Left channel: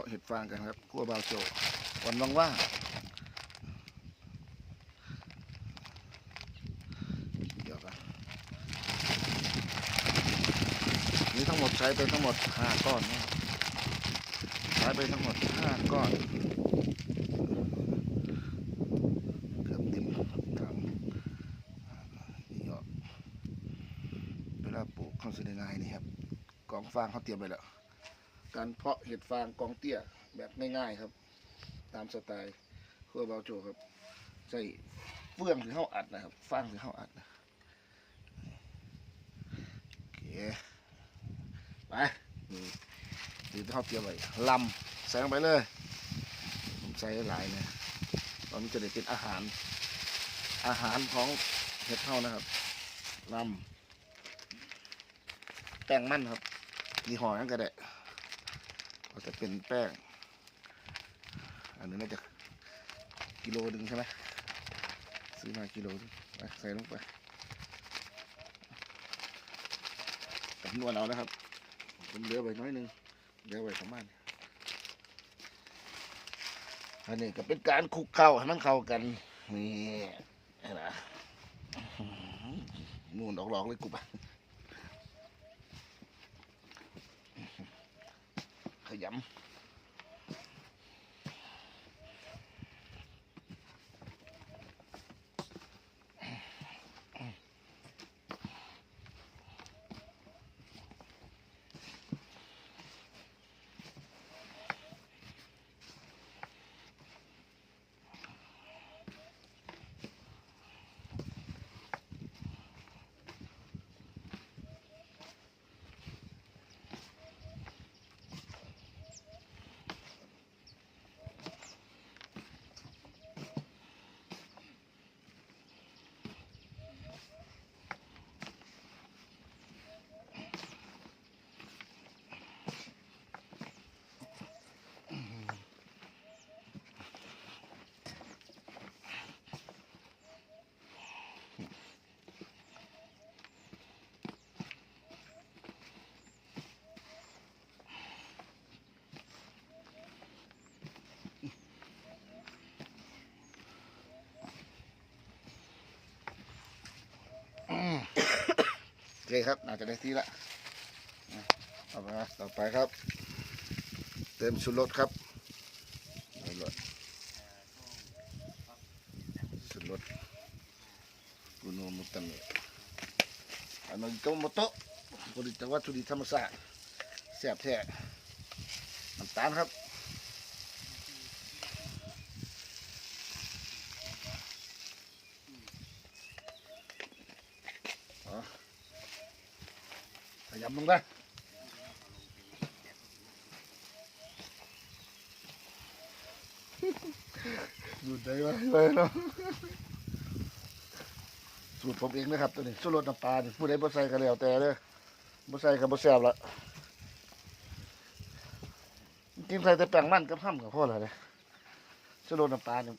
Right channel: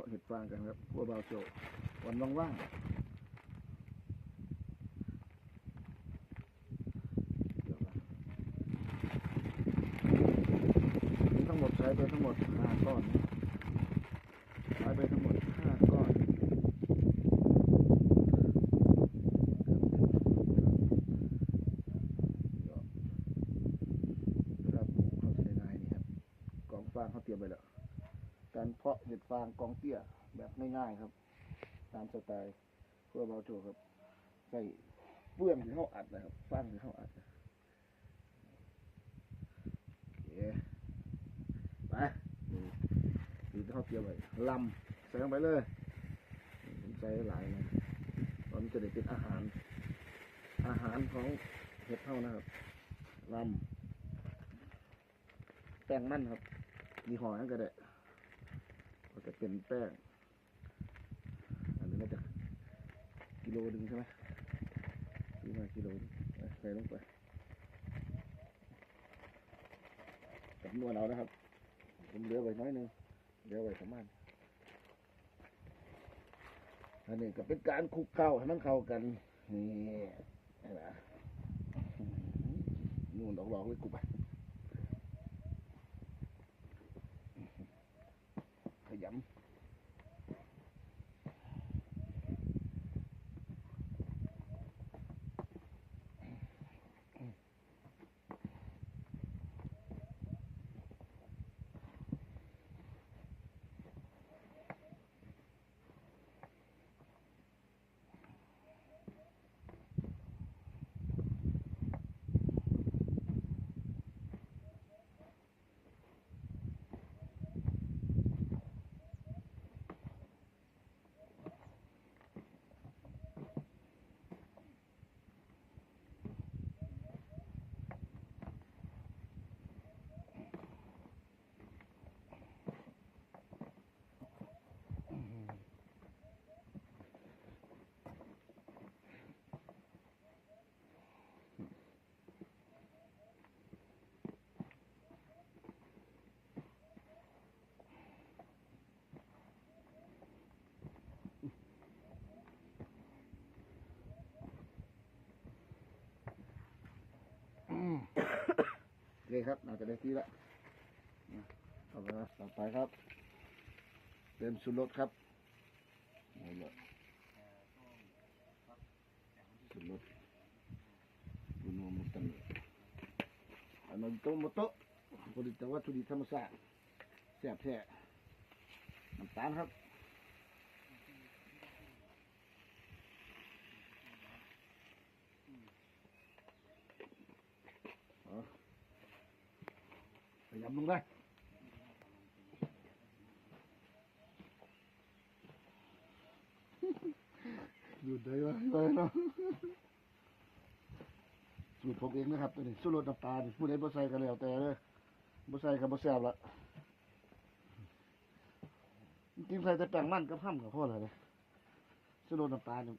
าะเห็ดฟางกันครับครัวบาวโจวันว่างๆเดี๋ยวกันนี่ทั้งหมดใช้ไปทั้งหมดห้าก้อนใช้ไปทั้งหมดห้าก้อนเกือบเต็มถังนี่ก็เวลาปลูกเขาเสได็ง่นี่ครับกองฟางเขาเตรียมไปแล้ว การเพาะเห็ดฟางกองเตี้ยแบบง่ายๆครับ ตามสไตล์ครัวเบาโจครับใส่เฟื่องถึงเข้าอัดนะครับฟางถึงเข้าอัดนะโอเคไปนี่ถือที่เขาเตรียมไว้ลำใส่ลงไปเลยผมใส่หลายนะเพราะมันจะได้เป็นอาหาร อาหารของเห็ดเท่านะครับลำแป้งมันครับยี่ห้อนั้นก็ได้ ก็จะเป็นแป้ง อันนี้น่าจะกิโลหนึ่งใช่ไหมซื้อมากิโลใส่ลงไปจำนวนเอานะครับ ผมเหลือไว้น้อยหนึงเหลือไว้ประมาณอันนี้ก็เป็นการคลุกเข้าให้มันเข้ากันนี่นะนู่นออกหลอกเลยกูปะ ข เคครับน่าจะได้ที่ละเอาไปครับต่อไปครับ เติมชูรสครับรสชูรสกุโนมุตันอันนี้โตโมโตะผลิตวัตถุดิบธรรมชาติแซ่บแท้น้ำตาลครับ ขยำลงไปดูดได้ไหมไปเนาะสูตรผมเองนะครับตัวนี้สูตรรสน้ำปลานี่ผู้ใดบ่ใส่ก็แล้วแต่เด้อบ่ใส่ก็บ่แซ่บละกินใส่แต่แป้งมันกับห้ำกับพ่อละเลยสูตรรสน้ำปลาเนี่ย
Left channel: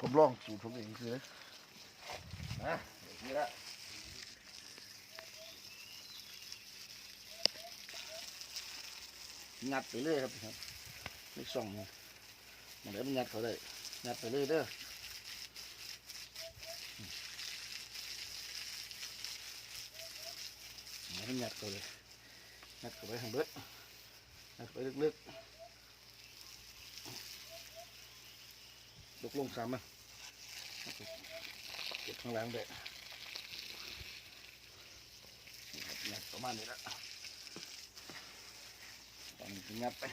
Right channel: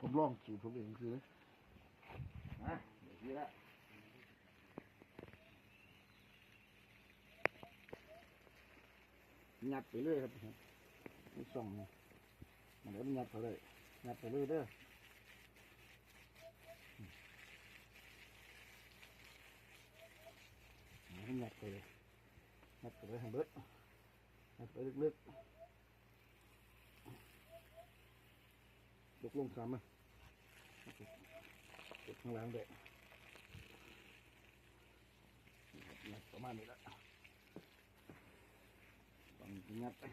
ผมลองสูตรผมเองคือนะนะเดี๋ยวนี้ละ งัดไปเรื่อยครับไม่ส่องนะมันได้มันงัดเขาได้งัดไปเรื่อยเด้อมันงัดเขาเลยงัดเขาไปทางเบิดงัดไปลึกๆลุกลงสามมันเก็บข้างล่างด้วยงัดประมาณนี้ละ ตอนนี้งัดไป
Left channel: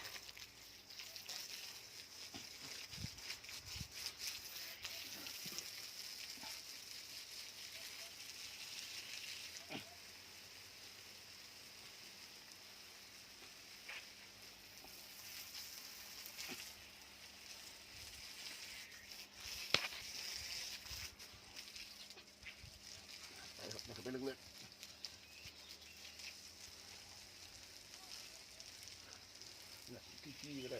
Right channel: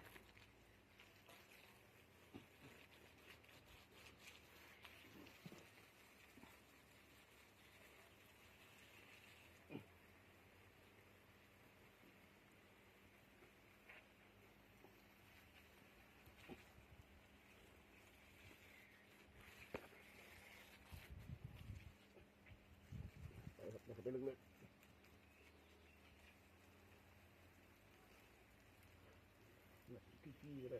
ไปลึกๆเนี่ยขี้ๆก็ได้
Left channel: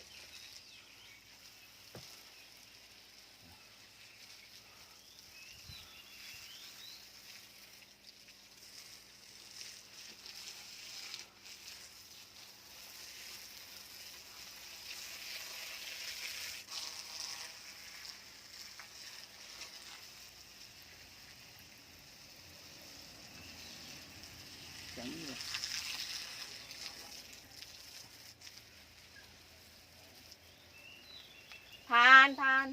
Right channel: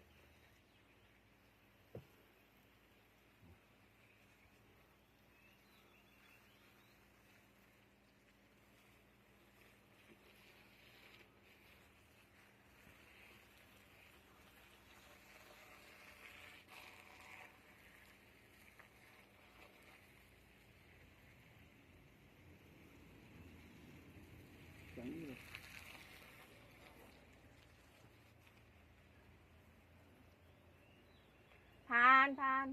านทาน